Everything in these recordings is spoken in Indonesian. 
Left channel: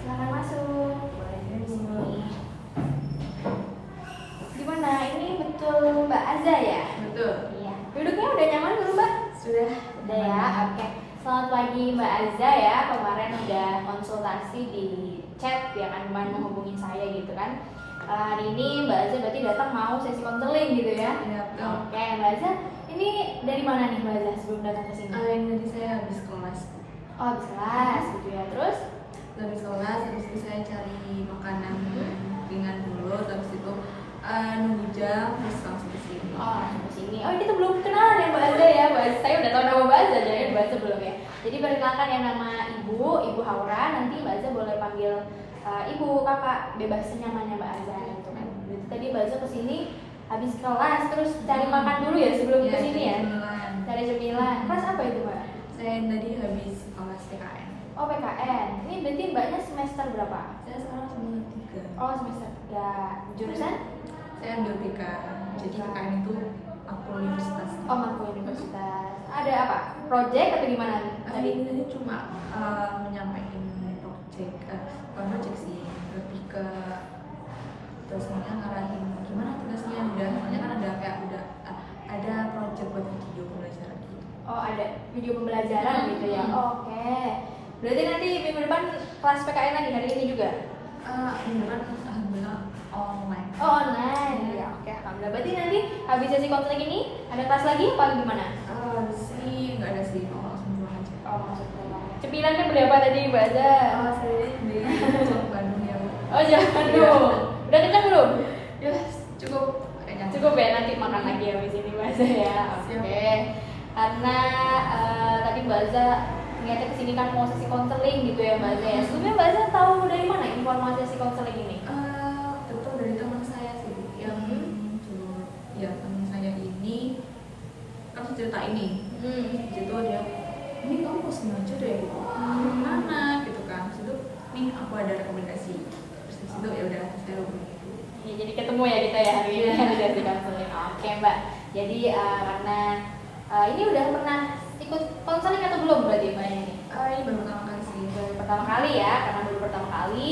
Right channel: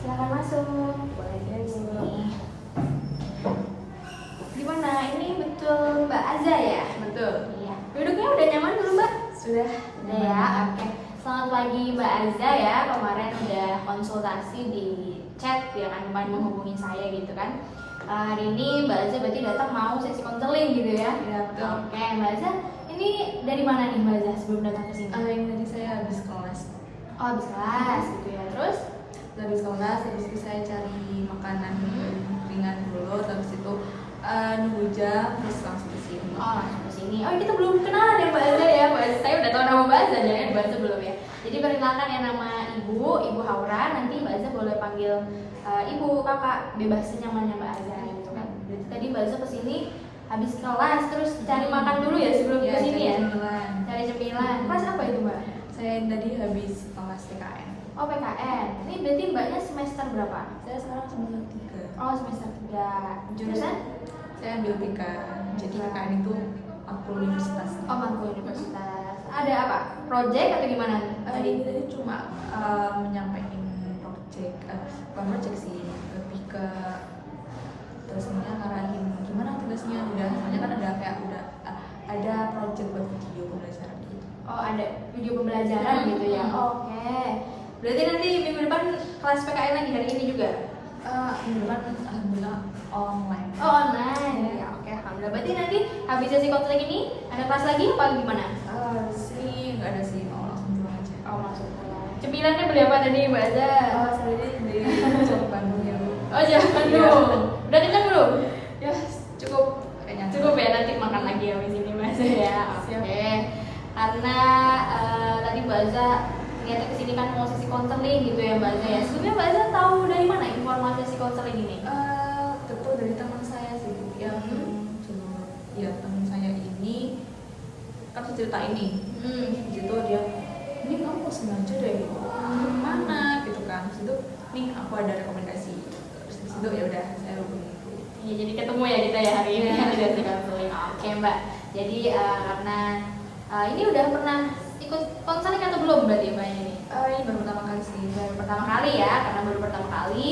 Silakan masuk. Boleh di sini. Gimana? Ini betul Mbak Aza ya? Betul. Iya. Duduknya udah nyaman belum Mbak? Sudah. Udah ya. Oke. Selamat pagi Mbak Aza ya. Kemarin udah konsultasi di chat ya kan, kemarin menghubungi saya gitu kan. Hari ini Mbak Aza berarti datang mau sesi konseling gitu ya? Iya, betul. Oke, Mbak Aza, ini dari mana nih Mbak Aza sebelum datang ke sini? Ini tadi saya habis kelas. Oh, habis kelas gitu ya. Terus? Habis kelas, habis itu saya cari makanan ringan dulu, terus itu nunggu jam, terus langsung ke sini. Oh, langsung ke sini. Oh, kita belum kenalan ya Mbak Aza ya. Mbak Aza, saya udah tahu nama Mbak Aza, jadi Mbak Aza belum ya. Jadi perkenalkan ya, nama Ibu Haura. Nanti Mbak Aza boleh panggil Ibu, Kakak, bebas senyamannya Mbak Aza gitu kan. Berarti tadi Mbak Aza kesini habis kelas, terus cari makan dulu ya sebelum ke sini ya. Cari cemilan. Kelas apa itu Mbak? Saya tadi habis kelas PKN. Oh, PKN. Ini berarti Mbaknya semester berapa? Saya sekarang semester 3. Oh, semester 3. Jurusan? Saya ambil TK. Jadi PKN itu aku universitas. Oh, Mangku Universitas. Ada apa? Project atau gimana nih? Tadi Tadi cuma menyampaikan project sih, lebih ke tugasnya ngarahin gimana tugasnya udah, soalnya kan ada kayak udah ada project buat video pembelajaran gitu. Oh, ada video pembelajaran gitu ya. Oke. Berarti nanti minggu depan kelas PKN lagi hari ini juga? Ini kan alhamdulillah online. Oh, online. Ya, oke. Alhamdulillah. Berarti nanti habis sesi konseling ini ada kelas lagi apa gimana? Sih nggak ada sih, mau langsung pulang aja. Oh, masuk pulang. Cemilannya beli apa tadi Mbak Aza? Saya sendiri di Bandung ya. Oh, jangan dulu. Udah kenyang belum? Ya cukup kayaknya. Cukup ya, nanti makan lagi ya di sini Mbak Aza ya. Oke. Karena tadi Mbak Aza niatnya kesini kan mau sesi konseling gitu ya Mbak Aza ya. Sebelumnya Mbak Aza tahu dari mana informasi sesi konseling ini? Tentu dari teman saya sih yang ya teman saya ini kan cerita ini. Di situ dia, ini kamu mau sengaja deh, mana gitu kan. Di situ nih aku ada rekomendasi. Terus di situ ya udah saya hubungi itu. Ya, jadi ketemu ya kita ya hari ini di sesi konseling. Oke Mbak. Jadi karena ini udah pernah ikut konseling atau belum berarti Mbak ini? Ini baru pertama kali sih. Baru pertama kali ya, karena baru pertama kali.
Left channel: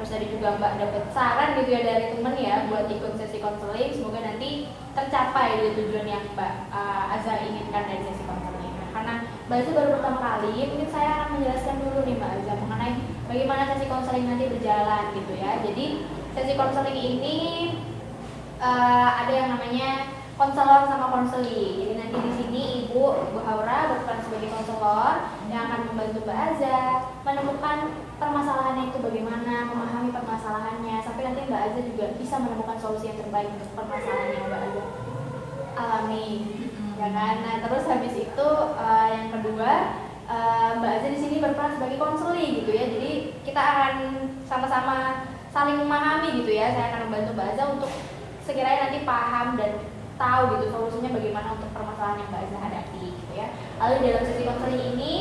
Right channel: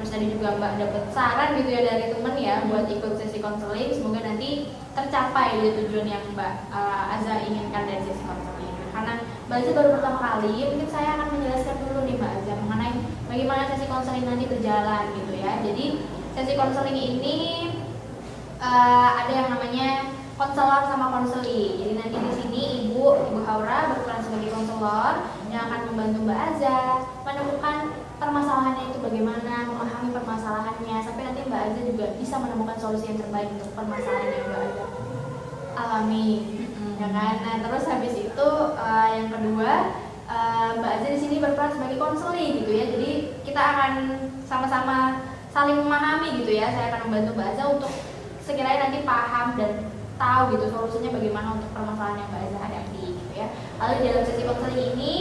Terus tadi juga Mbak dapat saran gitu ya dari temen ya buat ikut sesi konseling. Semoga nanti tercapai dari tujuan yang Mbak Aza inginkan dari sesi konseling. Karena Mbak Aza baru pertama kali, mungkin saya akan menjelaskan dulu nih Mbak Aza mengenai bagaimana sesi konseling nanti berjalan gitu ya. Jadi sesi konseling ini ada yang namanya konselor sama konseli. Jadi nanti di sini Ibu Haura berperan sebagai konselor yang akan membantu Mbak Aza menemukan permasalahannya itu bagaimana, memahami permasalahannya, sampai nanti Mbak Aza juga bisa menemukan solusi yang terbaik untuk permasalahan yang Mbak Aza alami, ya kan? Nah terus habis itu yang kedua Mbak Aza di sini berperan sebagai konseli gitu ya. Jadi kita akan sama-sama saling memahami gitu ya. Saya akan membantu Mbak Aza untuk sekiranya nanti paham dan tahu gitu solusinya bagaimana untuk permasalahan yang Mbak Aza hadapi gitu ya. Lalu di dalam sesi konseling ini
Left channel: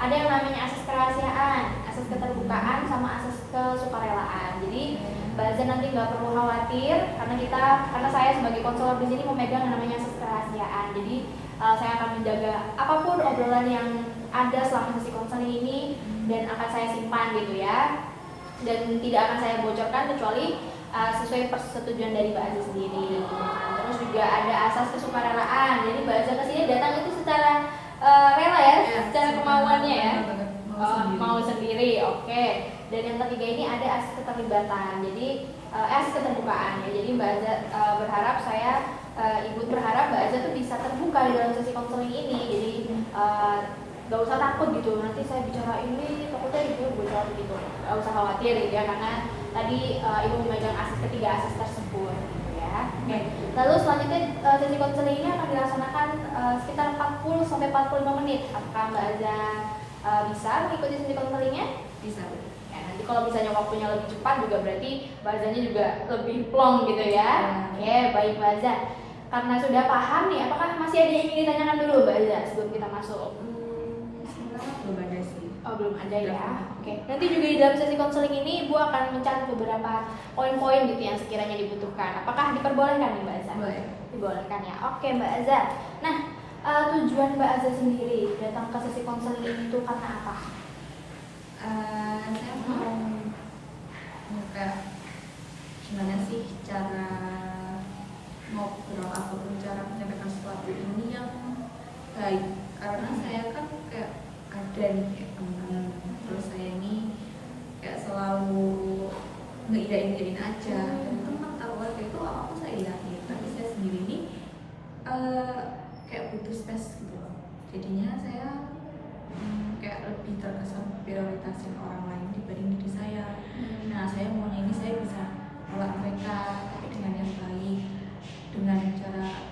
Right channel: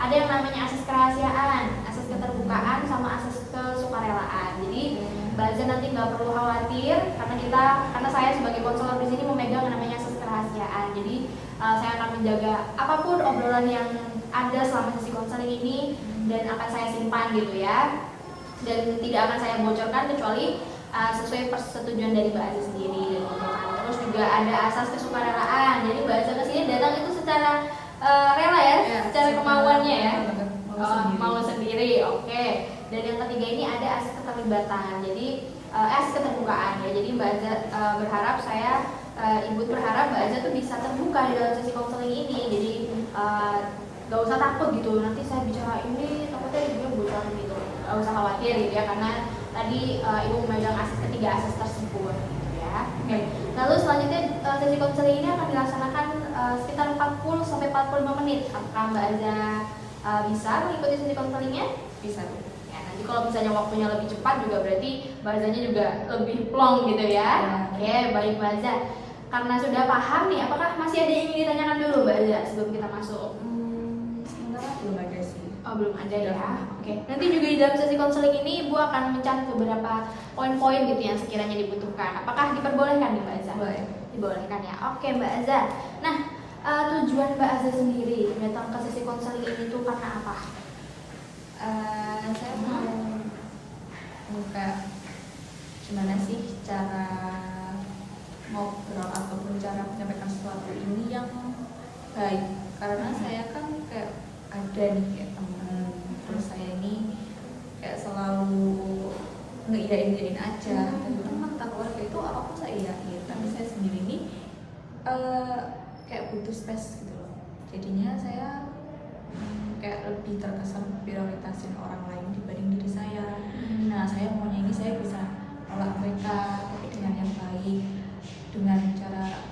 ada yang namanya asas kerahasiaan, asas keterbukaan, sama asas kesukarelaan. Jadi Mbak Aza nanti nggak perlu khawatir karena saya sebagai konselor di sini memegang yang namanya asas kerahasiaan. Jadi saya akan menjaga apapun obrolan yang ada selama sesi konseling ini dan akan saya simpan gitu ya. Dan tidak akan saya bocorkan kecuali sesuai persetujuan dari Mbak Aza sendiri gitu kan. Terus juga ada asas kesukarelaan. Jadi Mbak Aza kesini datang itu secara rela ya, secara kemauannya ya. Mau sendiri, oke. Dan yang ketiga ini ada asas keterlibatan. Jadi asas keterbukaan ya. Jadi Mbak Aza berharap Ibu berharap Mbak Aza tuh bisa terbuka di dalam sesi konseling ini. Jadi gak usah takut gitu, nanti saya bicara ini takutnya ibu bocor gitu, gak usah khawatir gitu ya, karena tadi ibu memegang ketiga asas tersebut gitu ya. Oke. Lalu selanjutnya sesi konseling ini akan dilaksanakan sekitar 40-45 menit. Apakah Mbak Aza bisa mengikuti sesi konselingnya? Bisa. Ya, nanti kalau misalnya waktunya lebih cepat juga berarti Mbak Azanya juga lebih plong gitu ya. Oke, baik Mbak Aza. Karena sudah paham nih, apakah masih ada yang ingin ditanyakan dulu Mbak Aza sebelum kita masuk? Belum ada sih. Oh, belum ada ya. Oke. Nanti juga di dalam sesi konseling ini Ibu akan mencatat beberapa poin-poin gitu yang sekiranya dibutuhkan. Apakah diperbolehkan nih Mbak Aza? Boleh. Dibolehkan ya. Oke Mbak Aza. Nah, tujuan Mbak Aza sendiri datang ke sesi konseling ini tuh karena apa? Saya mau gimana sih cara ngobrol ataupun cara menyampaikan sesuatu ini yang baik, karena saya kan kayak ada nih kayak teman, terus saya ini kayak selalu ngeiyain aja, teman keluarga itu apapun saya iyai, tapi saya sendiri ini kayak butuh space gitu loh. Jadinya saya kayak lebih terkesan prioritasin orang lain dibanding diri saya. Nah, saya maunya ini saya bisa nolak mereka tapi dengan yang baik, dengan cara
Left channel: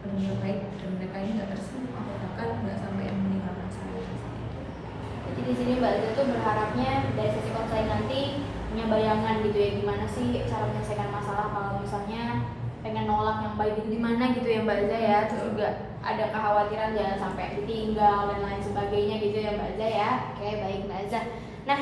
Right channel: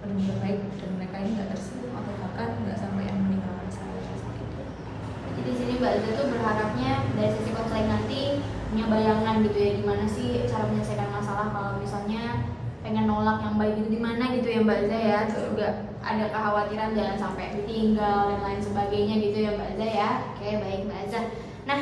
benar-benar baik, dan mereka ini nggak tersinggung atau bahkan nggak sampai yang meninggalkan saya. Jadi di sini Mbak Aza tuh berharapnya dari sesi konseling nanti punya bayangan gitu ya, gimana sih cara menyelesaikan masalah kalau misalnya pengen nolak yang baik itu gimana gitu ya Mbak Aza ya. Terus juga ada kekhawatiran jangan sampai ditinggal dan lain sebagainya gitu ya Mbak Aza ya. Oke, baik Mbak Aza. Nah,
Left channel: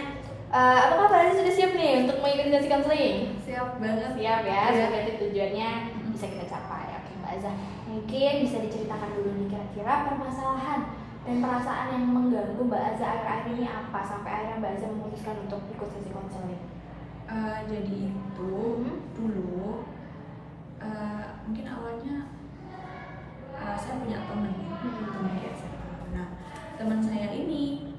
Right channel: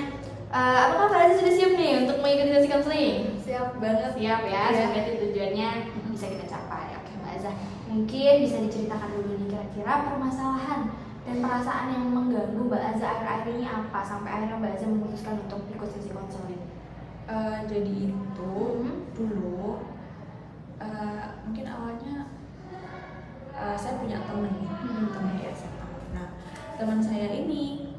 apakah Mbak Aza sudah siap nih untuk mengikuti sesi konseling? Siap banget. Siap ya, semoga tujuannya bisa kita capai. Oke Mbak Aza, mungkin bisa diceritakan dulu nih kira-kira permasalahan dan perasaan yang mengganggu Mbak Aza akhir-akhir ini apa sampai akhirnya Mbak Aza memutuskan untuk ikut sesi konseling? Jadi itu dulu mungkin awalnya saya punya temen di SMA. Nah, teman saya ini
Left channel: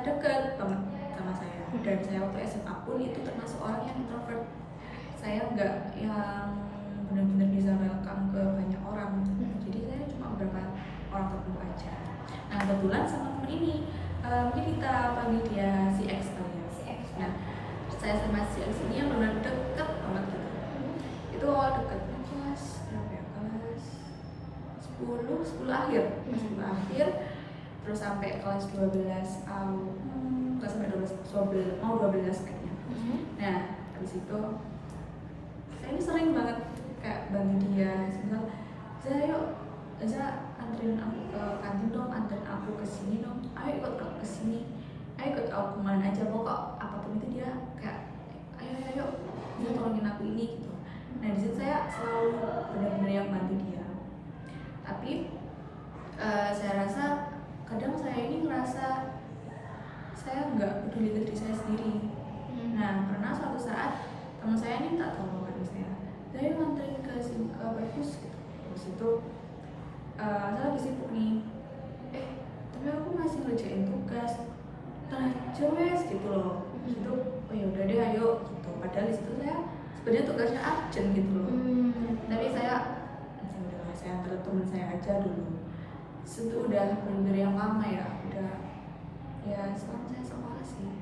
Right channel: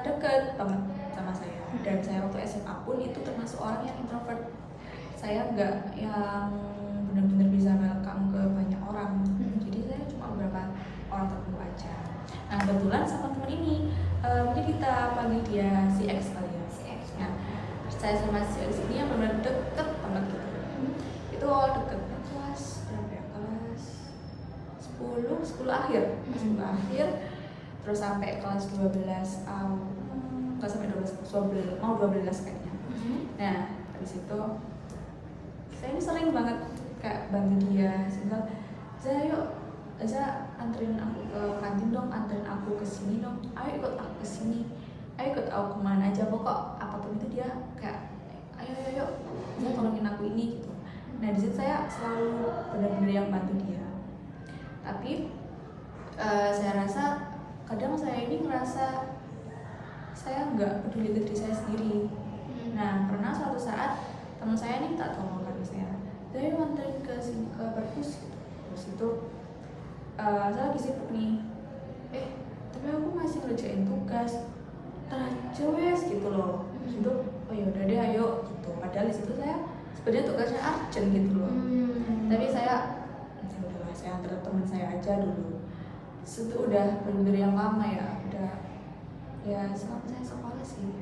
dekat banget sama saya, dan saya waktu SMA pun itu termasuk orang yang introvert. Saya nggak yang benar-benar bisa welcome ke banyak orang, jadi saya cuma beberapa orang tertentu aja. Nah, kebetulan sama teman ini mungkin kita panggil dia si X kali ya. Si X. Nah, saya sama si X ini yang benar-benar deket banget gitu. Itu awal deket kelas berapa ya? Kelas 10 akhir, kelas 10 akhir, terus sampai kelas 12 kelas sampai 12 kayaknya. Nah, habis itu saya ini sering banget kayak bantu dia, misal saya yuk bisa anterin aku ke kantin dong, anterin aku ke sini dong, ayo ikut aku ke sini, ayo ikut aku kemana aja, pokok apapun itu dia kayak ayo dia tolongin aku ini gitu. Nah, di situ saya selalu benar-benar yang bantu dia. Tapi saya rasa kadang saya ini merasa saya nggak peduli diri saya sendiri. Nah, pernah suatu saat teman saya ini tak tolong dari saya, dari anterin ke sini ke perpus gitu. Terus itu saya lagi sibuk nih, tapi aku masih ngerjain tugas, aja wes gitu loh. Itu oh yaudah deh ayo gitu. Padahal di situ saya sebenarnya tugasnya urgent gitu loh. Tapi saya antar teman saya aja dulu. Itu udah bener yang lama ya, udah ya selama saya sekolah sih.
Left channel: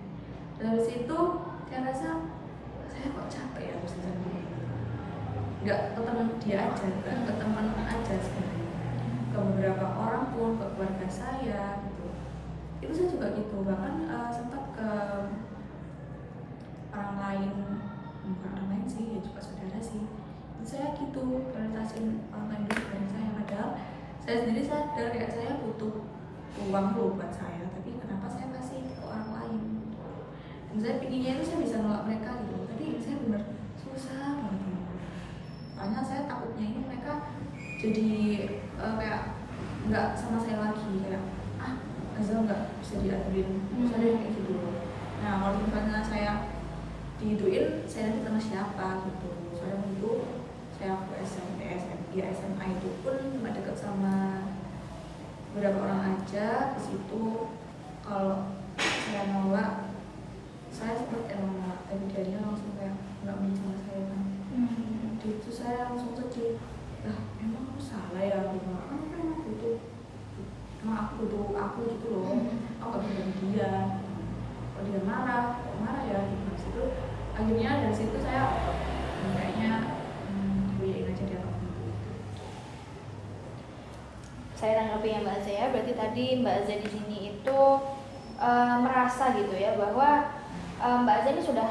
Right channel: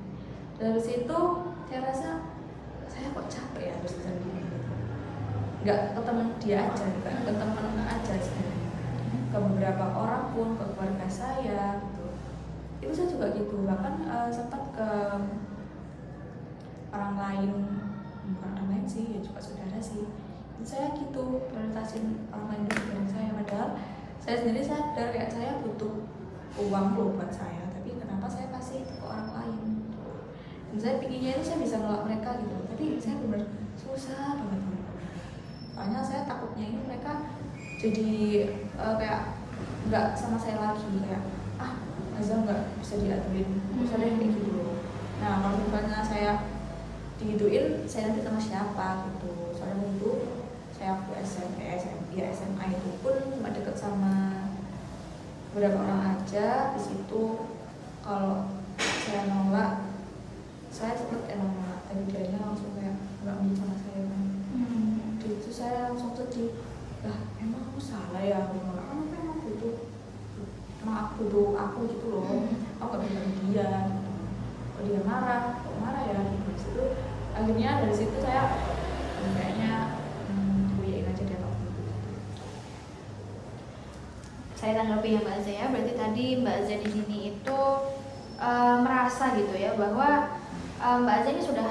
Dari situ saya rasa saya kok capek ya terus bisa gitu. Nggak ke teman dia aja, bukan ke teman aja sebenarnya. Ke beberapa orang pun, ke keluarga saya gitu. Itu saya juga gitu, bahkan sempat ke orang lain, bukan orang lain sih, ya juga saudara sih. Itu saya gitu, prioritasin orang lain dulu dari saya. Padahal saya sendiri sadar kayak saya butuh uang loh buat saya, tapi kenapa saya kasih ke orang lain? Dan saya pinginnya itu saya bisa nolak mereka gitu, tapi saya benar susah banget. Soalnya saya takutnya ini mereka jadi kayak nggak sama saya lagi, kayak Azal nggak bisa diaturin, saya kayak gitu. Nah, kalau misalnya saya digituin, saya nanti sama siapa gitu. Soalnya itu saya waktu SMA itu pun cuma deket sama beberapa orang aja. Di situ kalau saya nolak, saya sempat nolak, dan dia langsung kayak nggak mau sama saya kan. Di situ saya langsung sedih. Lah, emang aku salah ya aku nolak? Aku emang butuh, aku gitu loh. Aku nggak bisa dia. Kalau dia marah ya gitu. Situ akhirnya dari situ saya kayaknya kuliahin aja dia waktu itu. Saya tanggapi ya Mbak Aza ya, berarti tadi Mbak Aza di sini itu merasa gitu ya bahwa Mbak Aza ini sudah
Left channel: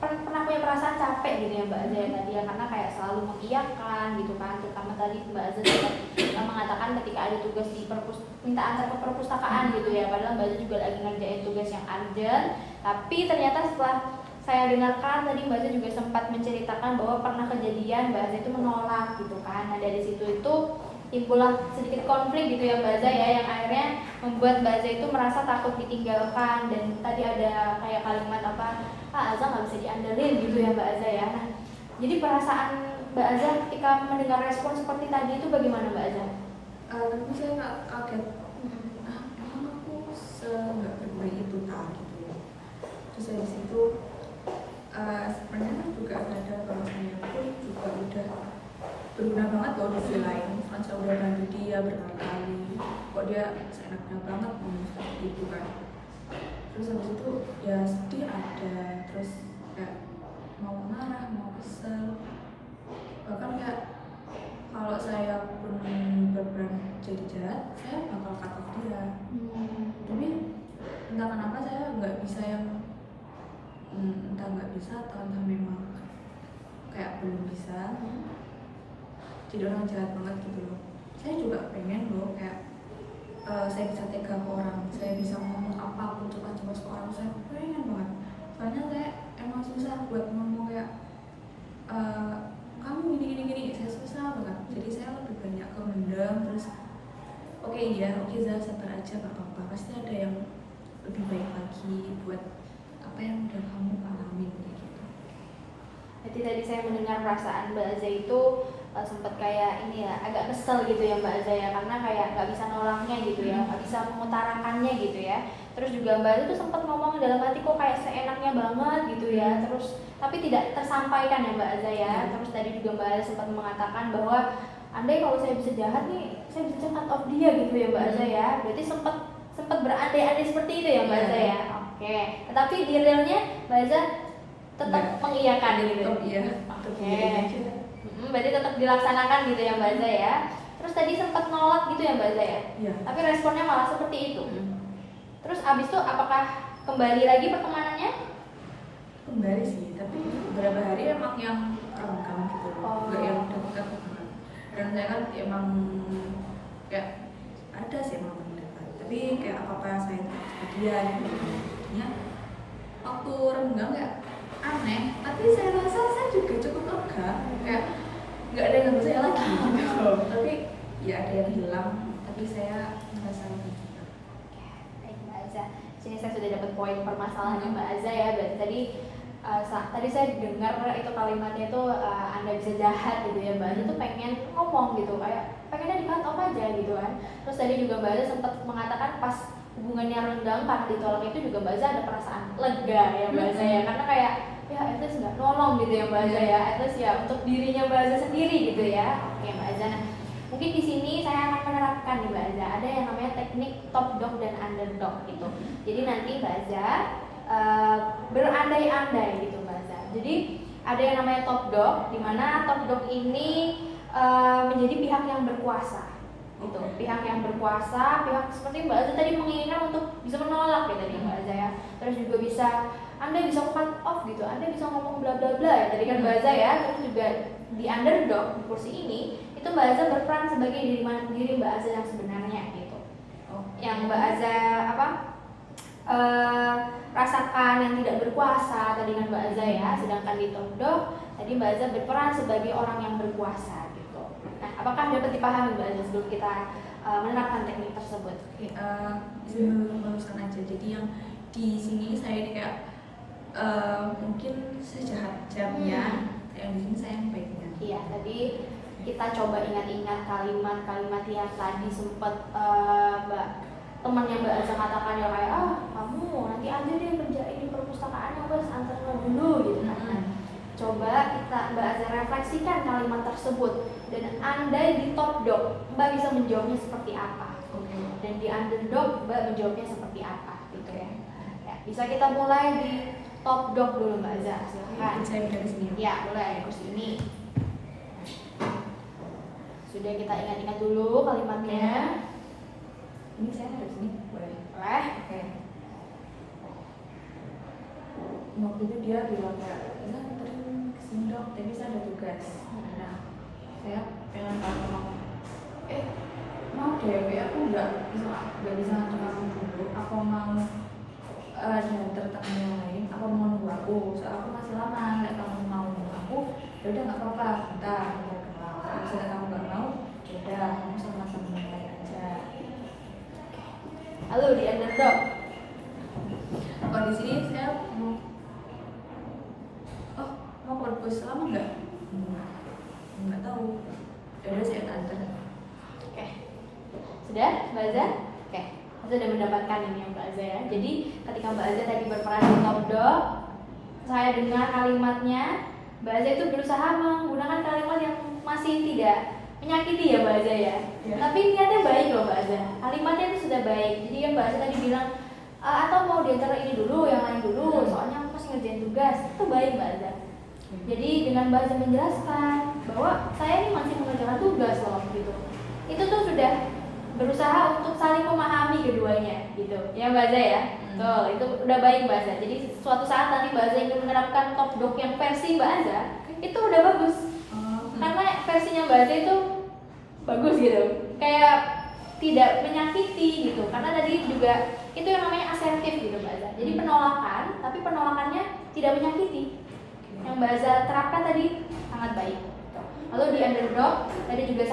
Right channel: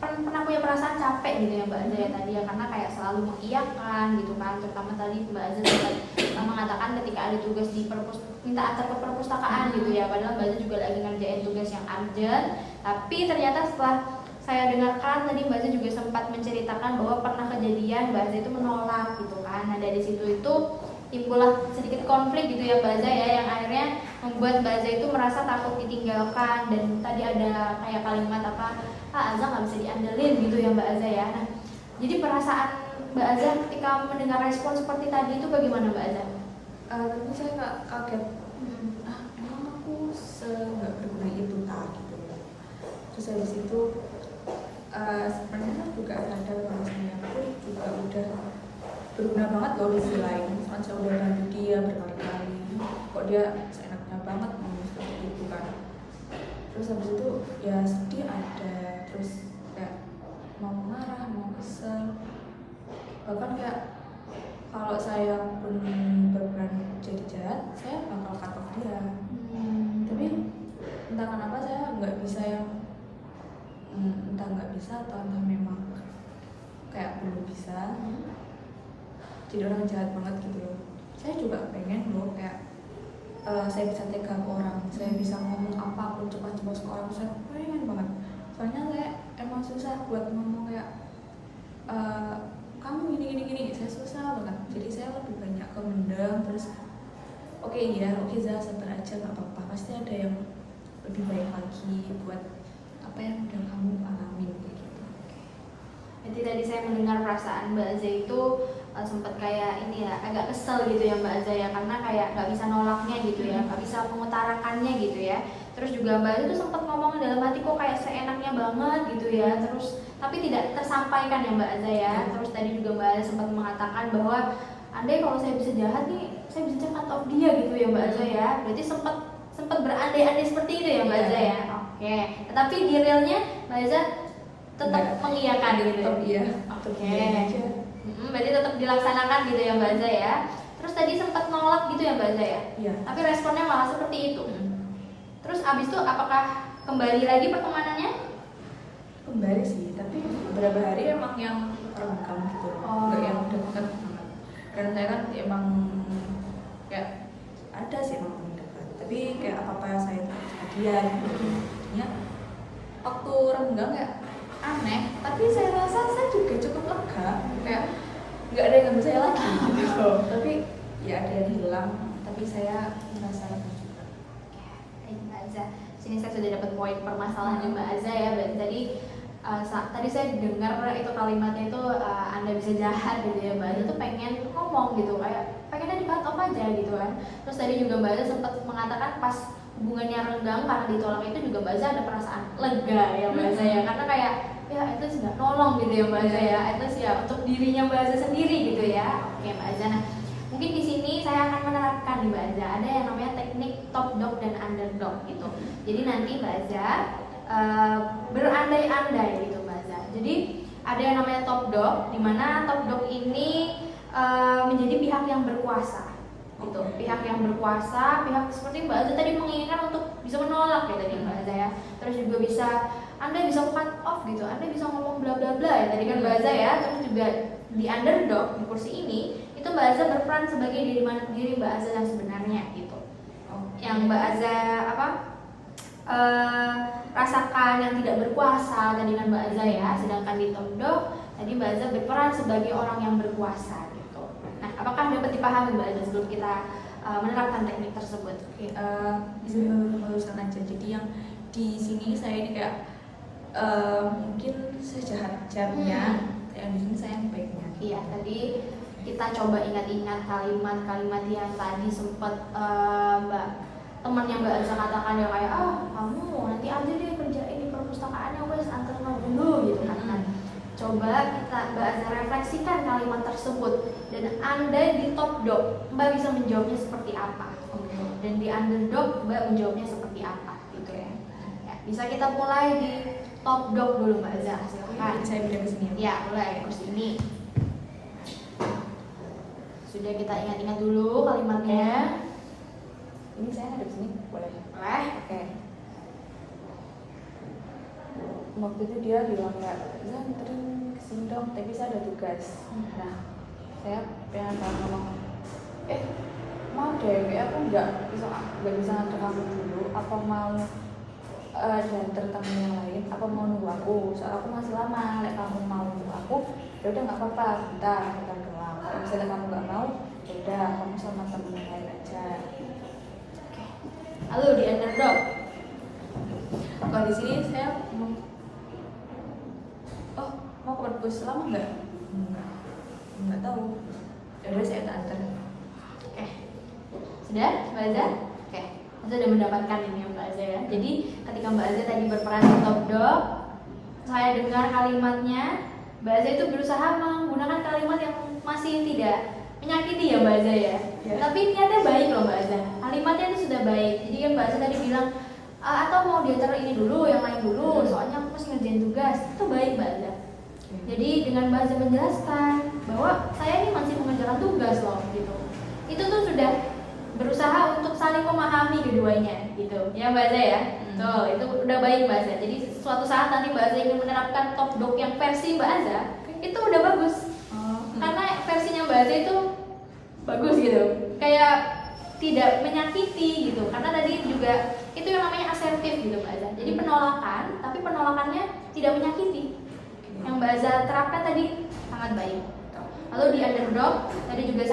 pernah punya perasaan capek gitu ya Mbak Aza ya tadi ya, karena kayak selalu mengiyakan gitu kan, terutama tadi Mbak Aza sempat mengatakan ketika ada tugas di minta antar ke perpustakaan gitu ya, padahal Mbak Aza juga lagi ngerjain tugas yang urgent, tapi ternyata setelah saya dengarkan tadi Mbak Aza juga sempat menceritakan bahwa pernah kejadian Mbak Aza itu menolak gitu kan. Nah, dari situ itu timbullah sedikit konflik gitu ya Mbak Aza ya, yang akhirnya membuat Mbak Aza itu merasa takut ditinggalkan, dan tadi ada kayak kalimat Aza nggak bisa diandelin gitu ya Mbak Aza ya. Nah, Jadi perasaan Mbak Azza ketika mendengar respon seperti tadi itu bagaimana Mbak Azza? Tapi saya nggak kaget. Emang aku nggak berguna itu tak gitu. Terus habis itu sebenarnya juga ada kalau saya pun juga udah berguna banget loh di sisi lain. Misalkan saya udah bantu dia berkali-kali, kok dia seenaknya banget seperti itu kan. Terus habis itu ya sedih ada, terus kayak mau marah, mau kesel, bahkan kayak kalau saya pun berperan jadi jahat, saya bakal cut off dia. Tapi entah kenapa saya nggak bisa yang entah nggak bisa atau entah memang kayak belum bisa jadi orang jahat banget gitu loh. Saya juga pengen loh kayak saya bisa tega ke orang, saya bisa ngomong apapun cepat-cepat ke orang, saya pengen banget. Soalnya saya emang susah buat ngomong kayak kamu gini, saya susah banget. Jadi saya lebih banyak kemendam, terus oke, saya sabar aja, nggak apa-apa, pasti ada yang lebih baik lagi buat apa yang udah kamu alami gitu. Jadi tadi saya mendengar perasaan Mbak Azza itu sempat kayak ini ya, agak kesel gitu ya Mbak Azza ya, karena kayak nggak bisa nolaknya gitu ya, nggak bisa mengutarakannya gitu ya. Terus juga Mbak Azza tuh sempat ngomong dalam hati kok kayak seenaknya banget gitu ya, terus tapi tidak tersampaikan ya Mbak Azza ya. Terus tadi juga Mbak Azza sempat mengatakan bahwa andai kalau saya bisa jahat nih, saya bisa cut off dia gitu ya Mbak Azza ya. Berarti sempat berandai-andai seperti itu ya Mbak Azza ya. Oke. Tetapi di realnya Mbak Azza tetap mengiyakan gitu. Tetap iya. Oke. Berarti tetap dilaksanakan gitu ya Mbak Azza ya. Terus tadi sempat nolak gitu ya Mbak Azza ya. Iya. Tapi responnya malah seperti itu. Terus abis itu apakah kembali lagi pertemanannya? Kembali sih, tapi beberapa hari emang yang renggang gitu, nggak yang dekat banget. Karena saya kan emang kayak ada sih emang teman dekat, tapi kayak apa saya dia gitu. Ya, waktu renggang kayak aneh, tapi saya rasa saya juga cukup lega, kayak nggak ada yang ganggu saya lagi gitu. Tapi ya ada yang hilang, tapi saya merasa lega juga. Mbak Azza, sini saya sudah dapat poin permasalahannya Mbak Azza ya. Berarti tadi saya dengar itu kalimatnya itu Anda bisa jahat gitu ya Mbak Azza tuh pengen ngomong gitu, kayak pengennya di cut off aja gitu kan. Terus tadi juga Mbak Azza sempat mengatakan pas hubungannya renggang karena ditolak itu juga Mbak Azza ada perasaan lega ya Mbak Azza ya, karena kayak ya at least nggak nolong gitu ya Mbak Azza ya, at least ya untuk dirinya Mbak Azza sendiri gitu ya. Oke Mbak Azza, nah mungkin di sini saya akan menerapkan nih Mbak Azza, ada yang namanya teknik top dog dan underdog gitu. Jadi nanti Mbak Azza berandai-andai gitu Mbak Azza. Jadi ada yang namanya top dog, di mana top dog ini menjadi pihak yang berkuasa gitu. Pihak yang berkuasa, pihak seperti Mbak Azza tadi menginginkan untuk bisa menolak ya tadi Mbak Azza ya. Terus juga bisa Anda bisa cut off gitu, Anda bisa ngomong bla bla bla ya tadi kan Mbak Azza ya. Terus juga di underdog di kursi ini itu Mbak Azza berperan sebagai diri Mbak Azza yang sebenarnya gitu. Yang Mbak Azza rasakan yang tidak berkuasa tadi kan Mbak Azza ya. Sedangkan di top dog tadi Mbak Azza berperan sebagai orang yang berkuasa gitu. Nah, apakah dapat dipahami Mbak Azza sebelum kita menerapkan teknik tersebut? Bisa meluruskan aja. Jadi yang di sini saya ini kayak mungkin sejahat-jahatnya, yang di sini saya yang baiknya. Iya, tadi kita coba ingat-ingat kalimat-kalimat yang tadi sempat temannya Mbak Azza katakan yang kayak kamu nanti aja deh kerjain di perpustakaannya wes antarnya dulu gitu kan. Nah, coba kita Mbak Azza refleksikan kalimat tersebut dan andai di top dog Mbak bisa menjawabnya seperti apa gitu. Dan di underdog Mbak menjawabnya seperti apa gitu ya. Ya, bisa kita mulai di top dog dulu Mbak Azza, silakan. Saya dari sini. Ya, mulai di kursi ini. Sudah kita ingat-ingat dulu kalimatnya. Ini saya dari sini boleh. Boleh? Oke. Waktu itu dia bilang kayak, ya anterin kesini dong, tapi saya ada tugas. Nah, saya pengen tahu mama. Mau deh, kayak aku nggak bisa nganter kamu dulu. Apa mau diantar teman yang lain? Apa mau nunggu aku? Soal aku masih lama. Kayak kamu mau nunggu aku, yaudah nggak apa-apa. Bentar doang. Kalau misalnya kamu nggak mau, yaudah kamu sama temen yang lain aja. Lalu di underdog. Kalau di sini saya mau ke bagus, lama nggak? Nggak tahu. Ya udah saya antar. Oke. Sudah, Mbak Aza? Oke. Saya sudah mendapatkan ini ya Mbak Aza ya. Jadi ketika Mbak Aza tadi berperan di Top Dog, saya dengar kalimatnya, Mbak Aza itu berusaha menggunakan kalimat yang masih tidak menyakiti ya Mbak Aza ya. Tapi niatnya baik loh Mbak Aza. Kalimatnya itu sudah baik. Jadi kan Mbak Aza tadi bilang, atau mau diantar ini dulu, yang lain dulu, soalnya aku masih ngerjain tugas. Itu baik Mbak Aza. Jadi dengan Mbak Aza menjelaskan bahwa saya ini masih mengerjakan tugas loh gitu. Itu tuh sudah berusaha untuk saling memahami keduanya gitu. Ya Mbak Aza ya. Tuh, itu udah baik Mbak Aza. Jadi suatu saat nanti Mbak Aza ingin menerapkan Top Dog yang versi Mbak Aza, itu udah bagus. Karena versinya Mbak Aza itu bagus gitu. Kayak tidak menyakiti gitu. Karena tadi juga itu yang namanya asertif gitu Mbak Aza. Jadi penolakan, tapi penolakannya tidak menyakiti. Yang Mbak Aza terapkan tadi sangat baik. Lalu di underdog, tadi juga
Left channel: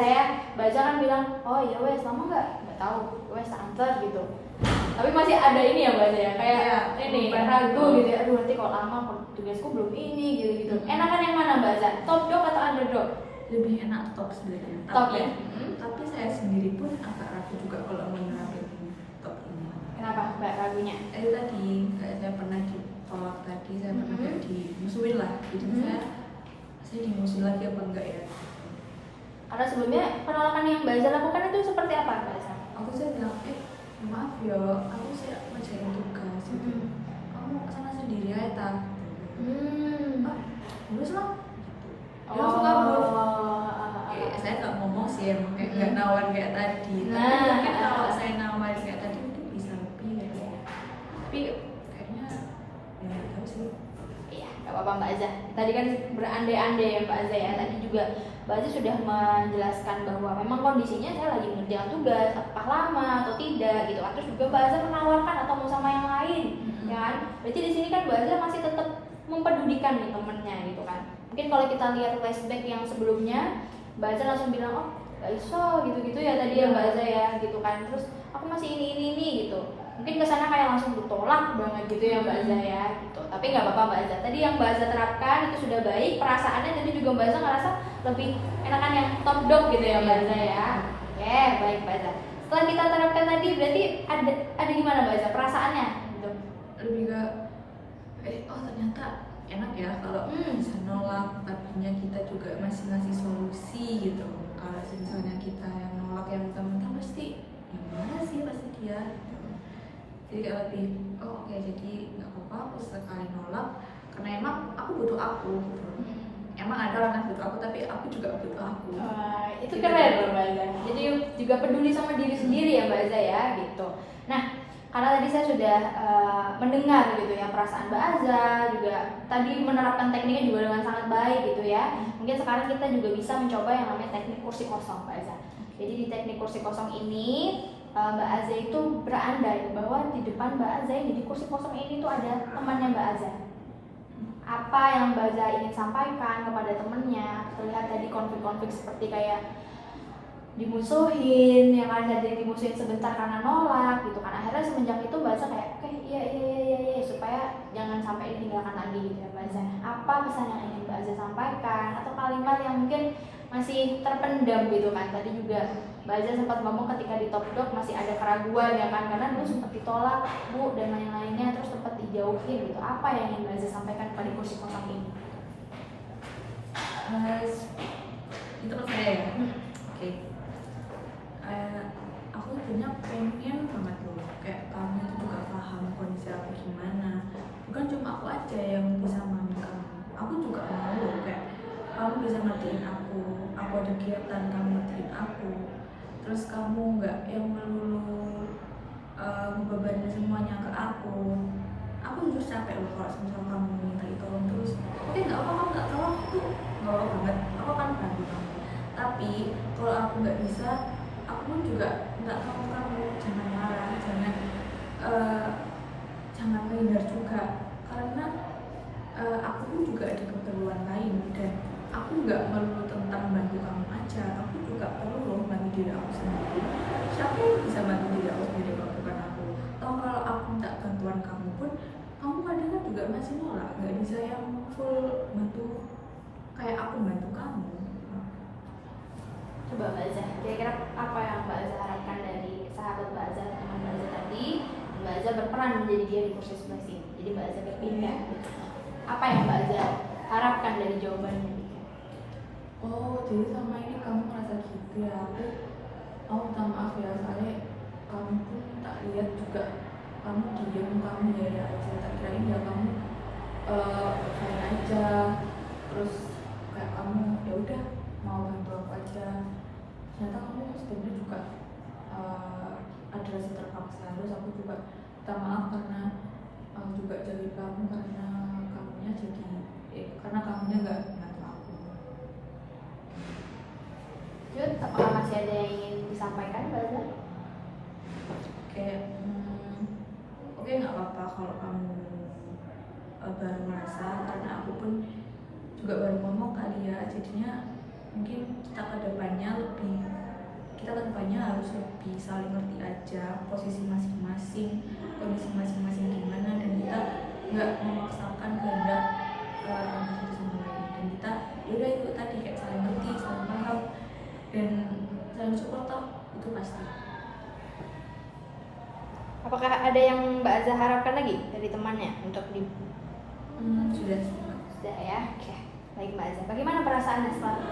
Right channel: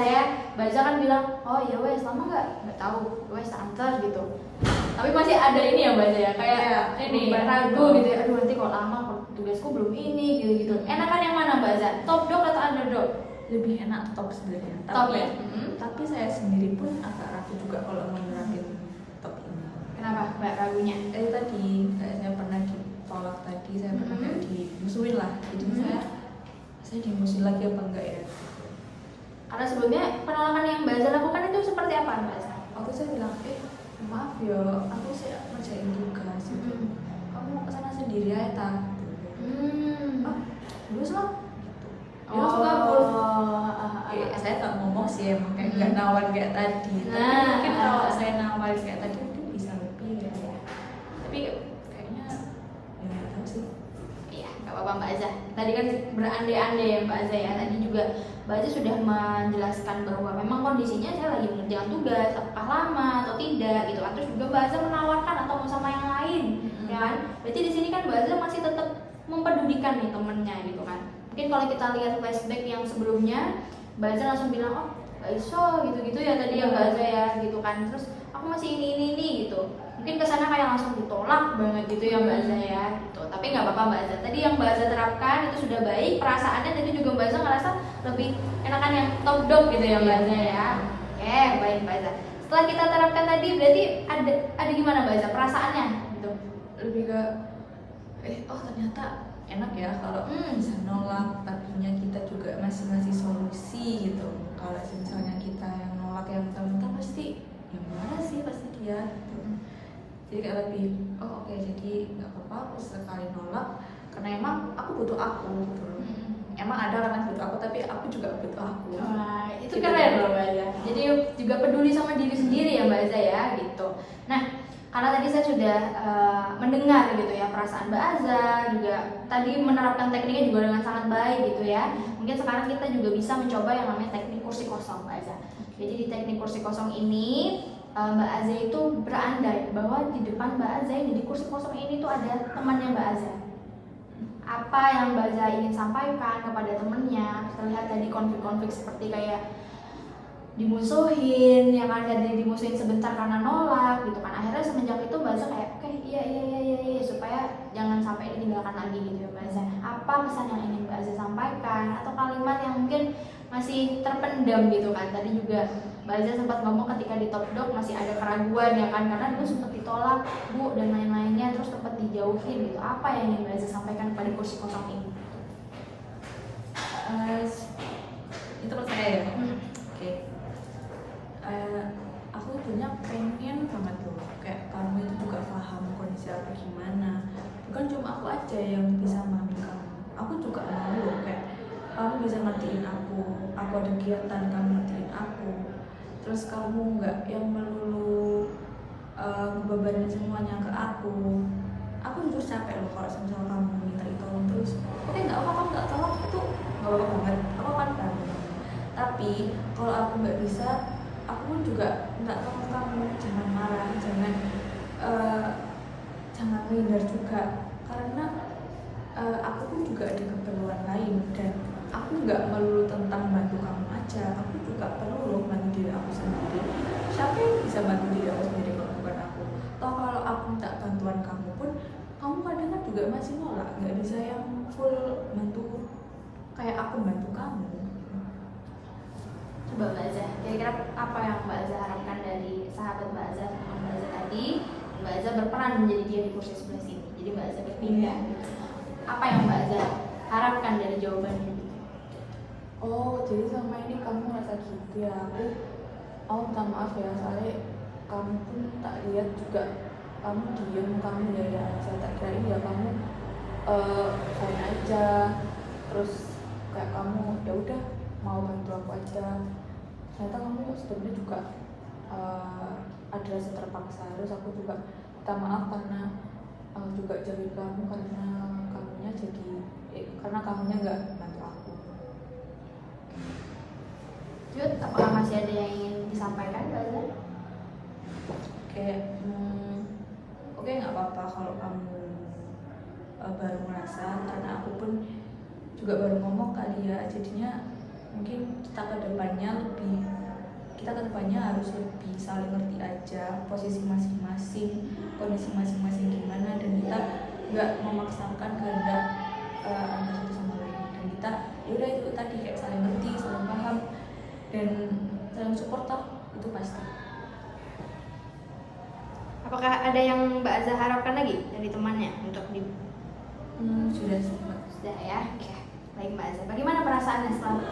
Mbak Aza kan bilang, oh iya wes lama nggak tahu, wes antar gitu. Tapi masih ada ini ya Mbak Aza ya, kayak ini ragu gitu ya, aduh nanti kalau lama kalau tugasku belum ini gitu. Enakan yang mana Mbak Aza? Top dog atau underdog? Lebih enak top sebenarnya. Top ya? Tapi saya sendiri pun agak ragu juga kalau mau nerapin top ini. Kenapa Mbak ragunya? Tadi kayak saya pernah ditolak tadi, saya pernah kayak dimusuhin lah. Jadi saya dimusuhin lagi apa enggak ya? Karena sebelumnya penolakan yang Mbak Aza lakukan itu seperti apa Mbak Aza? Aku saya bilang, maaf ya, aku saya ngerjain tugas gitu. Kamu kesana sendiri aja tak? Bagus lah. Saya nggak ngomong sih emang kayak nggak nawar kayak tadi. Tapi mungkin kalau saya nawarin kayak tadi mungkin bisa lebih ya. Tapi kayaknya ya tahu sih. Iya, nggak apa-apa Mbak Aza. Tadi kan berandai-andai ya Mbak Aza ya. Tadi juga Mbak Aza sudah menjelaskan bahwa memang kondisinya saya lagi mengerjakan tugas, apakah lama atau tidak gitu kan. Terus juga Mbak Aza menawarkan atau mau sama yang lain, ya kan? Berarti di sini kan Mbak Aza masih tetap mempedulikan nih temennya gitu kan. Mungkin kalau kita lihat flashback yang sebelumnya, Mbak Aza langsung bilang, oh gak iso gitu-gitu ya tadi ya Mbak Aza ya gitu kan. Terus aku masih ini gitu. Mungkin kesana kayak langsung ditolak banget gitu ya Mbak Aza ya gitu. Tapi nggak apa-apa Mbak Aza. Tadi yang Mbak Aza terapkan itu sudah baik. Perasaannya tadi juga Mbak Aza ngerasa lebih enakan yang top dog gitu ya Mbak Aza ya. Oke, baik Mbak Aza. Setelah kita terapkan tadi berarti ada gimana Mbak Aza perasaannya gitu? Lebih ke oh ternyata enak ya kalau bisa nolak, artinya kita juga masih ngasih solusi gitu. Kalau misalnya kita yang nolak yang mentah-mentah pasti gimana sih pasti dia gitu. Jadi kayak lebih oke, jadi nggak apa-apa aku sekali nolak karena emang aku butuh aku gitu. Emang ada orang yang butuh aku tapi aku juga butuh aku. Itu gitu. Keren loh Mbak Aza. Jadi juga peduli sama diri sendiri ya Mbak Aza ya gitu. Nah karena tadi saya sudah mendengar gitu ya perasaan Mbak Aza, juga tadi menerapkan tekniknya juga dengan sangat baik gitu ya. Mungkin sekarang kita juga bisa mencoba yang namanya teknik kursi kosong Mbak Aza. Jadi di teknik kursi kosong ini Mbak Aza itu berandai bahwa di depan Mbak Aza ini, di kursi kosong ini tuh ada temannya Mbak Aza. Apa yang Mbak Aza ingin sampaikan kepada temennya, terlihat tadi konflik-konflik seperti kayak dimusuhin, yang ada dimusuhin sebentar karena nolak gitu kan. Akhirnya semenjak itu Mbak Aza kayak oke, iya supaya jangan sampai ditinggalkan lagi gitu ya Mbak Aza. Apa pesan yang ingin Mbak Aza sampaikan atau kalimat yang mungkin masih terpendam gitu kan. Tadi juga Mbak Aza sempat ngomong ketika di Top Dog masih ada keraguan ya kan, karena dulu sempat ditolak Bu dan lain-lainnya, terus sempat dijauhin gitu. Apa yang ingin Mbak Aza sampaikan pada kursi kosong ini? Itu menurut saya ya. Oke. Aku punya pengen banget loh kayak kamu itu juga paham kondisi aku gimana. Bukan cuma aku aja yang bisa memahami kamu, aku juga mau loh kayak kamu bisa ngertiin aku ada kegiatan kamu ngertiin aku, terus kamu nggak yang melulu ngebebanin semuanya ke aku jujur capek loh kalau misal kamu minta ditolong terus. Oke, nggak apa-apa kamu nggak tolong itu nggak apa-apa banget, aku kan bantu kamu. Tapi kalau aku nggak bisa, aku pun juga nggak tahu kamu, jangan marah, jangan minder juga, karena aku pun juga ada keperluan lain dan aku nggak melulu tentang bantu kamu aja, aku juga perlu loh bantu diri aku sendiri. Siapa yang bisa bantu diri aku sendiri kalau bukan aku? Toh kalau aku minta bantuan kamu pun, kamu kadang juga masih nolak, nggak bisa yang full bantu kayak aku bantu kamu. Coba Mbak Azza, kira-kira apa yang Mbak Azza harapkan dari sahabat Mbak Azza, teman Mbak Azza tadi, dan Mbak Azza berperan menjadi dia di kursi sebelah sini, jadi Mbak Azza berpindah gitu. Apa yang Mbak Azza harapkan dari jawabannya gitu? Oh, jadi sama ini kamu ngerasa gitu ya? Aku minta maaf ya, soalnya kamu pun tak lihat juga kamu diem, kamu ya aja, tak kira ya kamu fine aja, terus kayak kamu ya udah mau bantu aku aja. Ternyata kamu sebenarnya juga ada rasa terpaksa. Terus aku juga minta maaf karena juga jadi kamu karena kamunya jadi karena kamunya nggak bantu aku. Jud, apakah masih ada yang ingin disampaikan Mbak Azza? Oke, nggak apa-apa kalau kamu baru merasa, karena aku pun juga baru ngomong kali ya, jadinya mungkin kita kedepannya harus lebih saling ngerti aja posisi masing-masing, kondisi masing-masing gimana, dan kita nggak memaksakan kehendak antara satu sama lain, dan kita yaudah itu tadi kayak saling ngerti, saling paham, dan saling support toh, itu pasti. Apakah ada yang Mbak Azza harapkan lagi dari temannya untuk di Sudah ya? Oke. Baik Mbak Azza, bagaimana perasaannya setelah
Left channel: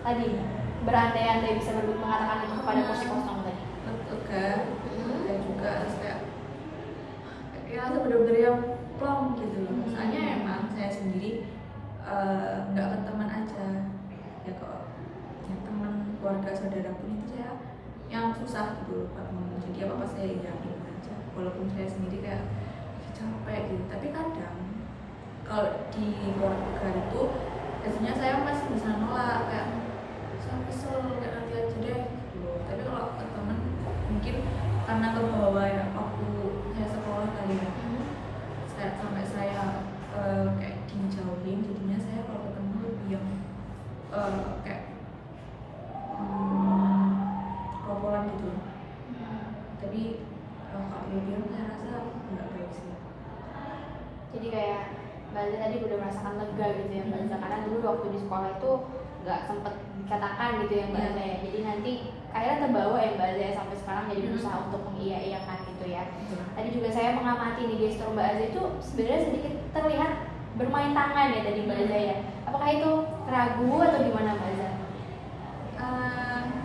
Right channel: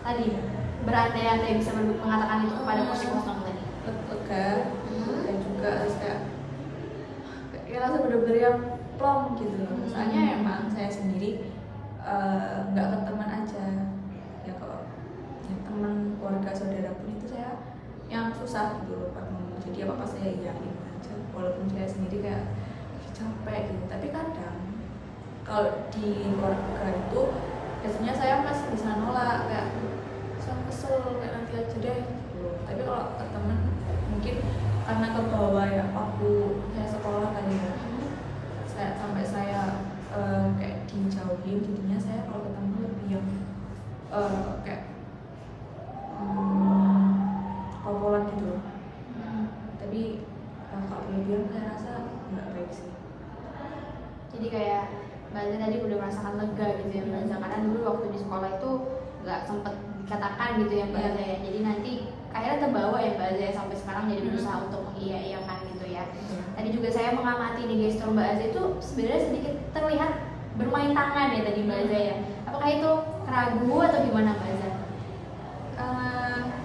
tadi berandai-andai bisa mengatakan itu kepada kursi kosong tadi? lega, dan juga harus kayak rasa bener-bener yang plong gitu. Soalnya emang saya sendiri nggak ke teman aja ya, kok ya, teman keluarga saudara pun itu saya yang susah gitu loh Pak. Jadi apa saya yakin aja, walaupun saya sendiri kayak capek gitu. Tapi kadang kalau di keluarga itu biasanya saya masih bisa nolak, kayak saya kesel kayak nanti aja deh gitu. Tapi kalau ke teman mungkin karena ke bawah ya waktu saya sekolah kali ya, sampai saya kayak dijauhin, jadinya saya kalau ketemu lebih yang kayak kopolan gitu. Tapi kalau berlebihan saya rasa nggak baik sih. Jadi kayak Mbak Azza tadi udah merasakan lega gitu ya Mbak Azza, karena dulu waktu di sekolah itu nggak sempet dikatakan gitu ya Mbak Azza ya, jadi nanti akhirnya terbawa ya Mbak Azza ya, sampai sekarang jadi berusaha untuk mengiyakan gitu ya. Tadi juga saya mengamati nih gestur Mbak Azza itu sebenarnya sedikit terlihat bermain tangan ya tadi Mbak Azza ya. Apakah itu ragu atau gimana Mbak Azza?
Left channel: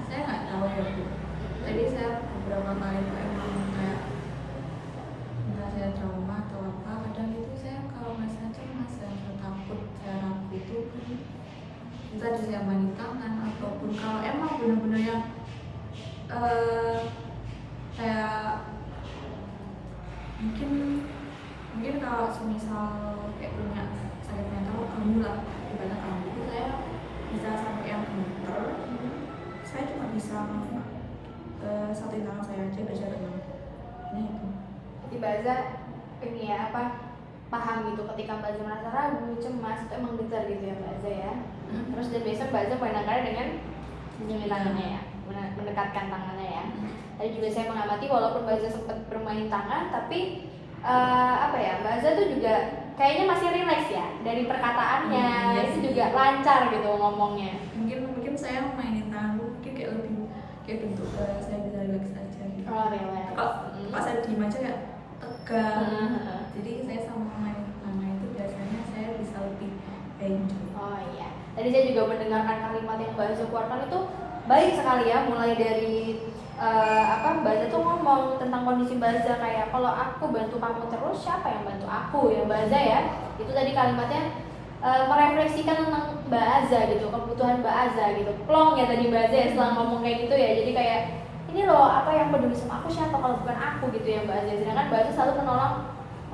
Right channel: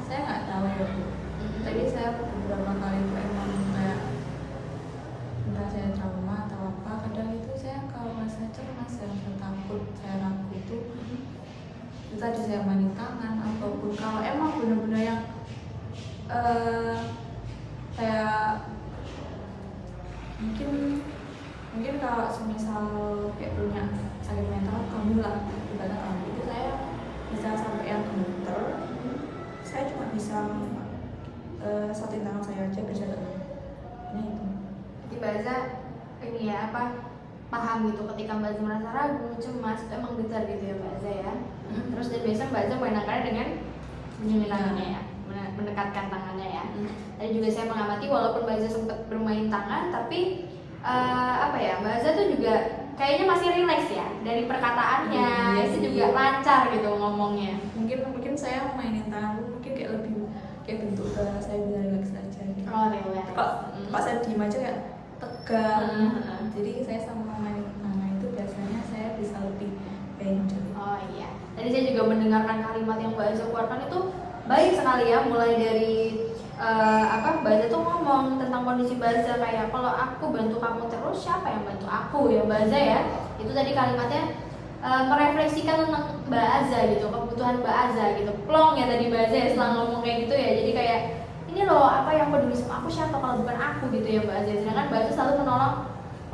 Saya nggak tahu ya Bu. Tadi saya beberapa kali itu emang kayak entah saya trauma atau apa, kadang itu saya kalau merasa cemas, saya takut, saya ragu itu tadi saya main tangan, ataupun kalau emang benar-benar yang kayak mungkin kalau semisal kayak punya sakit mental kamu lah, dimana kamu itu saya bisa sampai yang gemeter, saya cuma bisa satu tangan saya aja bisa tenang. Nah itu. Jadi Mbak Azza ini ya apa paham gitu ketika Mbak Azza merasa ragu, cemas itu emang getar gitu ya Mbak Azza ya. Terus dan biasa Mbak Azza menangkalnya dengan menyentuh tangannya ya, mendekatkan tangannya ya. Tadi juga saya mengamati walaupun Mbak Azza sempat bermain tangan, tapi apa ya, Mbak Azza tuh juga kayaknya masih rileks ya dari perkataannya, itu juga lancar gitu ngomongnya. Mungkin saya mainin tangan mungkin kayak lebih kayak bentuk saya bisa rileks aja gitu. Oh rileks. Pas saya diem aja kayak tegang. Jadi saya sama main tangan itu biasanya saya bisa lebih enjoy. Oh iya. Tadi saya juga mendengarkan kalimat yang Mbak Azza keluarkan itu baik sekali ya, mulai dari Mbak Azza tuh ngomong tentang kondisi Mbak Azza kayak kalau aku bantu kamu terus siapa yang bantu aku ya Mbak Azza ya. Itu tadi kalimatnya merefleksikan tentang Mbak Azza gitu, kebutuhan Mbak Azza gitu. Plong ya tadi Mbak Azza ya setelah ngomong kayak gitu ya. Jadi kayak ini loh apa yang peduli sama aku siapa kalau bukan aku gitu ya Mbak Azza. Sedangkan Mbak Azza selalu menolong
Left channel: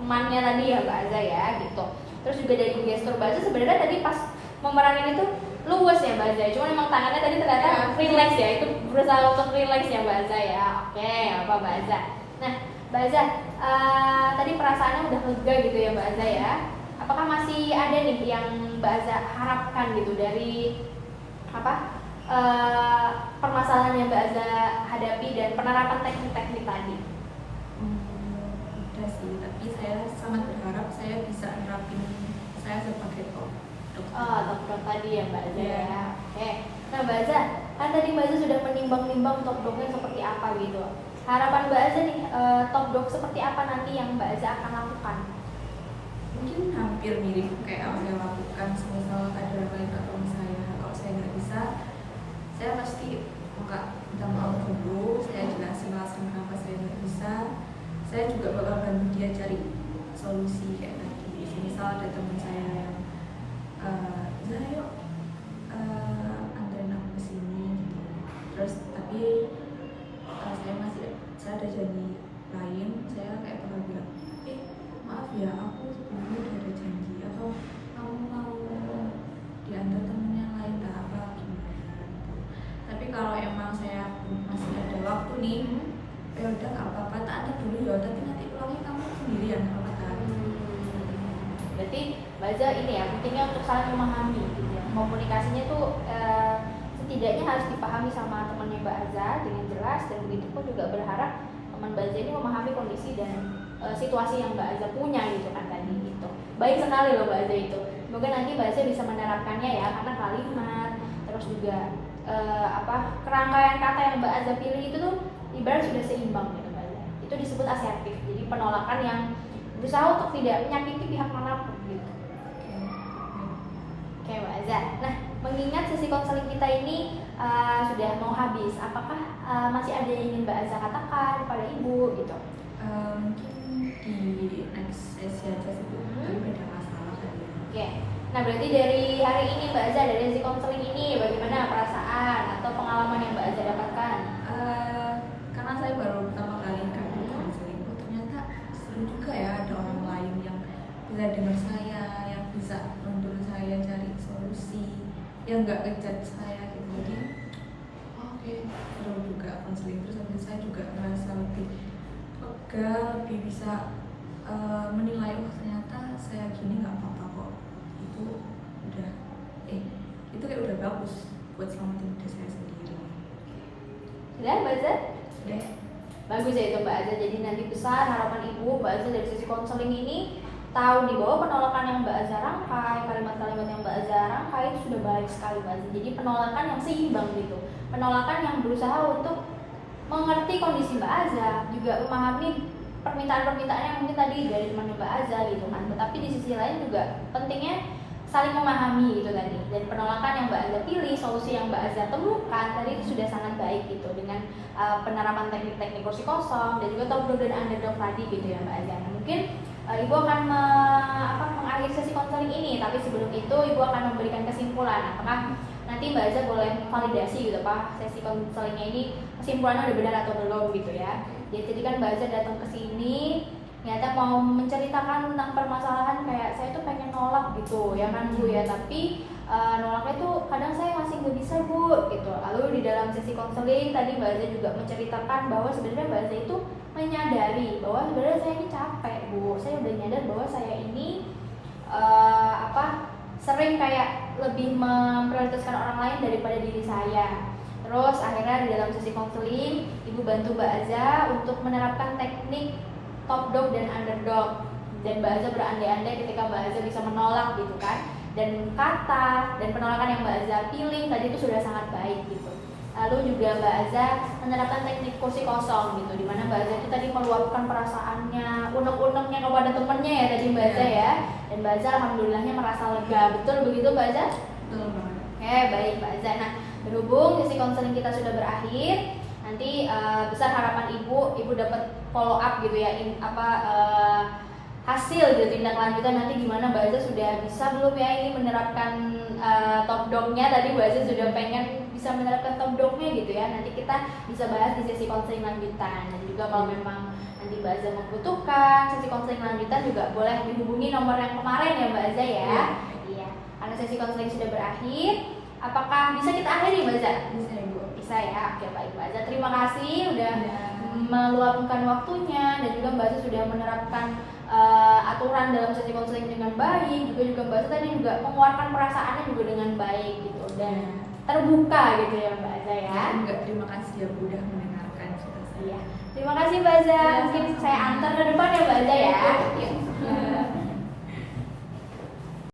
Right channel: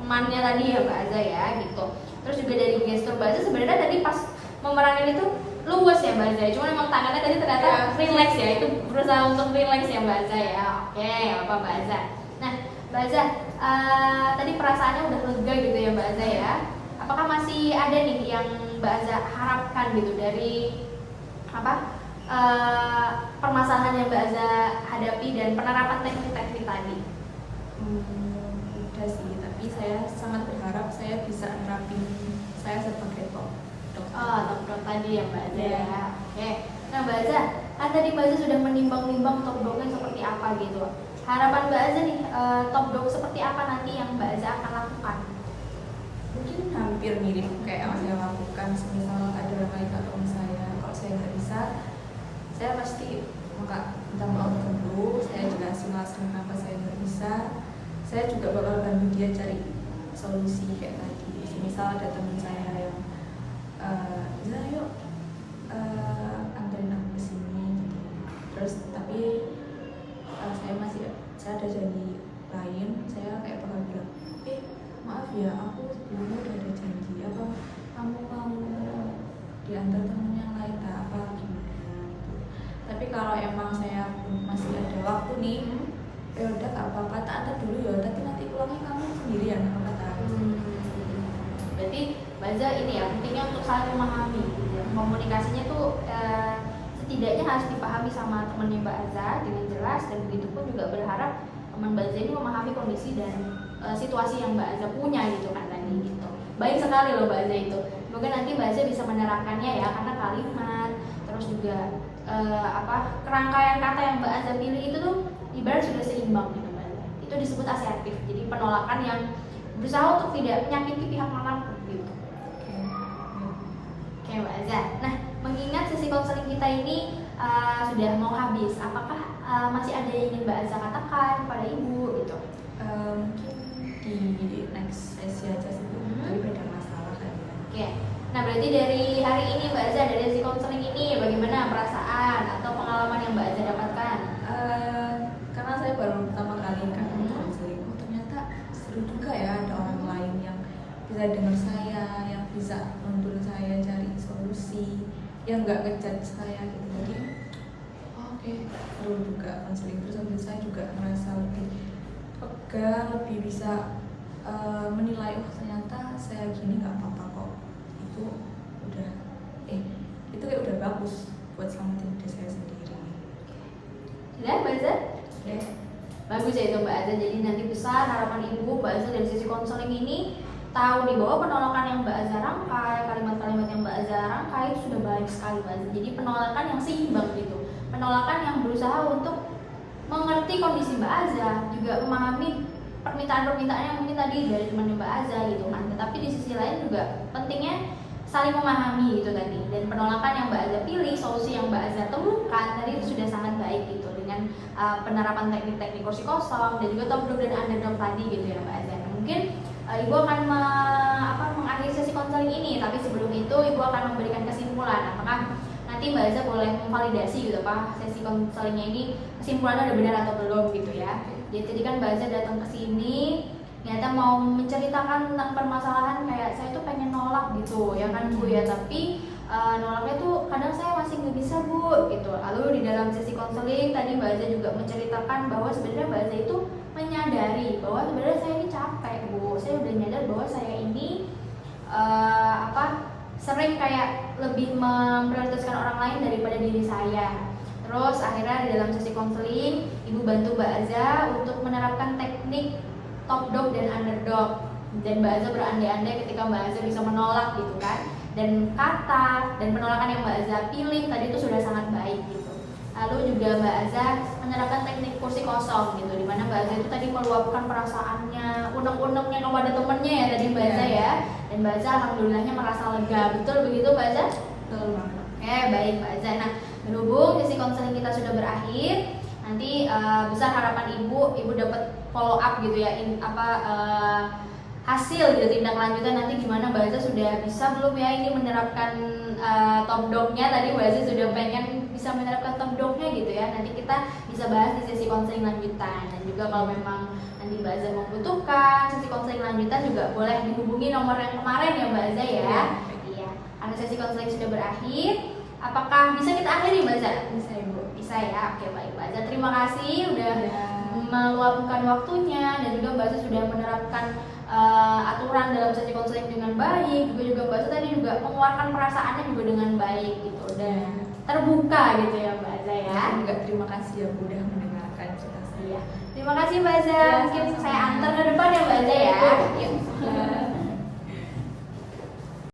temannya tadi ya Mbak Azza ya gitu. Terus juga dari gestur Mbak Azza sebenarnya tadi pas memeranin itu luwes ya Mbak Azza, cuma memang tangannya tadi ternyata relax ya, itu berusaha untuk relax ya Mbak Azza ya. Oke, apa Mbak Azza. Nah Mbak Azza, tadi perasaannya udah lega gitu ya Mbak Azza ya. Apakah masih ada nih yang Mbak Azza harapkan gitu dari permasalahan yang Mbak Azza hadapi dan penerapan teknik-teknik tadi? Iya sih, tapi saya sangat berharap saya bisa nerapin saya sebagai dok. Oh, top dog tadi ya Mbak Aza Iya. ya. Oke. Nah Mbak Aza, kan tadi Mbak Aza sudah menimbang-nimbang top dognya seperti apa gitu. Harapan Mbak Aza nih, top dog seperti apa nanti yang Mbak Aza akan lakukan? Mungkin hampir mirip kayak yang saya lakukan. Misal ada mereka teman saya, kalau saya nggak bisa, saya pasti minta maaf dulu. Saya jelasin alasan kenapa saya nggak bisa. Saya juga bakal bantu dia cari solusi kayak tadi. Misal ada teman saya yang ya yuk anterin aku kesini gitu. Terus tapi saya ada janji lain, saya kayak pernah bilang, maaf ya aku sebelumnya udah ada janji, atau kamu mau diantar temen yang lain lah apa gimana gitu. Tapi kalau emang saya masih ada waktu nih, ya udah gak apa-apa, tak ada dulu ya, tapi nanti pulangnya kamu sendirian apa kata. Berarti Mbak Aza ini ya, pentingnya untuk saling memahami gitu ya. Komunikasinya tuh setidaknya harus dipahami sama temennya Mbak Aza dengan jelas, dan begitu pun juga berharap teman Mbak Aza ini memahami kondisi dan situasi yang Mbak Aza punya gitu kan tadi gitu. Baik sekali loh Mbak Aza itu. Semoga nanti Mbak Aza bisa menerapkannya ya, karena kalimat terus juga kerangkaian kata yang Mbak Aza pilih itu tuh ibarat sudah seimbang gitu Mbak Aza. Itu disebut asertif. Jadi penolakan yang berusaha untuk tidak menyakiti pihak manapun gitu. Oke Mbak Aza. Nah, mengingat sesi konseling kita ini sudah mau habis, apakah masih ada yang ingin Mbak Aza katakan kepada Ibu gitu? Mungkin di next sesi aja sih, itu ada masalah kan ya. Oke. Nah, berarti dari hari ini Mbak Aza, dari sesi konseling ini bagaimana perasaan atau pengalaman yang Mbak Aza dapatkan? Karena saya baru pertama kali kan konseling, ternyata seru juga ya, ada orang lain yang bisa dengar saya, yang bisa bantu saya cari solusi, yang nggak ngejudge saya gitu. Jadi oke, seru juga konseling. Terus habis saya juga merasa lebih lega, lebih bisa menilai, oh ternyata saya gini nggak apa-apa kok. Itu udah itu kayak udah bagus buat selamatin diri saya sendiri. Sudah Mbak Aza? Ya. Bagus ya itu Mbak Aza. Jadi nanti besar harapan Ibu Mbak Aza dari sesi konseling ini tahu nih bahwa penolakan yang Mbak Aza rangkai, kalimat-kalimat yang Mbak Aza rangkai itu sudah baik sekali Mbak Aza. Jadi penolakan yang seimbang gitu, penolakan yang berusaha untuk mengerti kondisi Mbak Aza, juga memahami permintaan-permintaan yang mungkin tadi dari teman Mbak Aza gitu kan. Tetapi di sisi lain juga pentingnya saling memahami gitu tadi. Dan penolakan yang Mbak Aza pilih, solusi yang Mbak Aza temukan tadi itu sudah sangat baik gitu, dengan penerapan teknik-teknik kursi kosong dan juga top dog dan underdog tadi gitu ya Mbak Aza. Nah, mungkin Ibu akan mengakhiri sesi konseling ini, tapi sebelum itu Ibu akan memberikan kesimpulan. Apakah nanti Mbak Aza boleh memvalidasi gitu Pak, sesi konselingnya ini kesimpulannya udah benar atau belum gitu ya. Jadi tadi kan Mbak Aza datang ke sini ternyata mau menceritakan tentang permasalahan kayak saya tuh pengen nolak gitu ya kan Bu ya, tapi nolaknya tuh kadang saya masih nggak bisa Bu gitu. Lalu di dalam sesi konseling tadi Mbak Aza juga menceritakan bahwa sebenarnya Mbak Aza itu menyadari bahwa sebenarnya saya ini capek Bu, saya udah nyadar bahwa saya ini sering kayak lebih memprioritaskan orang lain daripada diri saya. Terus akhirnya di dalam sesi konseling Ibu bantu Mbak Aza untuk menerapkan teknik top dog dan underdog, dan Mbak Aza berandai-andai ketika Mbak Aza bisa menolak gitu kan. Dan kata dan penolakan yang Mbak Aza pilih tadi itu sudah sangat baik gitu. Lalu juga Mbak Aza menerapkan teknik kursi kosong gitu, dimana Mbak Aza itu tadi meluapkan perasaannya, unek-uneknya kepada temennya ya tadi Mbak Aza ya. Dan Mbak Aza alhamdulillahnya merasa lega, betul begitu Mbak Aza? Betul banget. Baik Mbak Aza. Nah, berhubung sesi konseling kita sudah berakhir, nanti besar harapan Ibu dapat follow up gitu ya, hasil gitu, tindak lanjutan nanti gimana Mbak Aza sudah bisa belum ya ini menerapkan top dog-nya. Tadi Mbak Aza sudah pengen bisa menerapkan top dog-nya gitu ya, nanti kita bisa bahas di sesi konseling lanjutan. Dan juga kalau memang nanti Mbak Aza membutuhkan sesi konseling lanjutan juga boleh dihubungi nomor yang kemarin ya Mbak Aza ya. Iya, karena sesi konseling sudah berakhir. Apakah bisa kita akhiri Mbak Aza? Bisa ya Bu. Bisa ya, oke baik Mbak Aza. Terima kasih udah meluangkan waktunya, dan juga Mbak Aza sudah menerapkan aturan dalam sesi konseling dengan baik. Juga Mbak Aza tadi juga mengeluarkan perasaannya juga dengan baik gitu, dan terbuka gitu ya Mbak Aza ya. Enggak, terima kasih ya Bu udah mendengarkan cerita saya. Iya. Terima kasih Mbak Aza. Mungkin saya antar ke depan ya Mbak Aza ya. Yuk.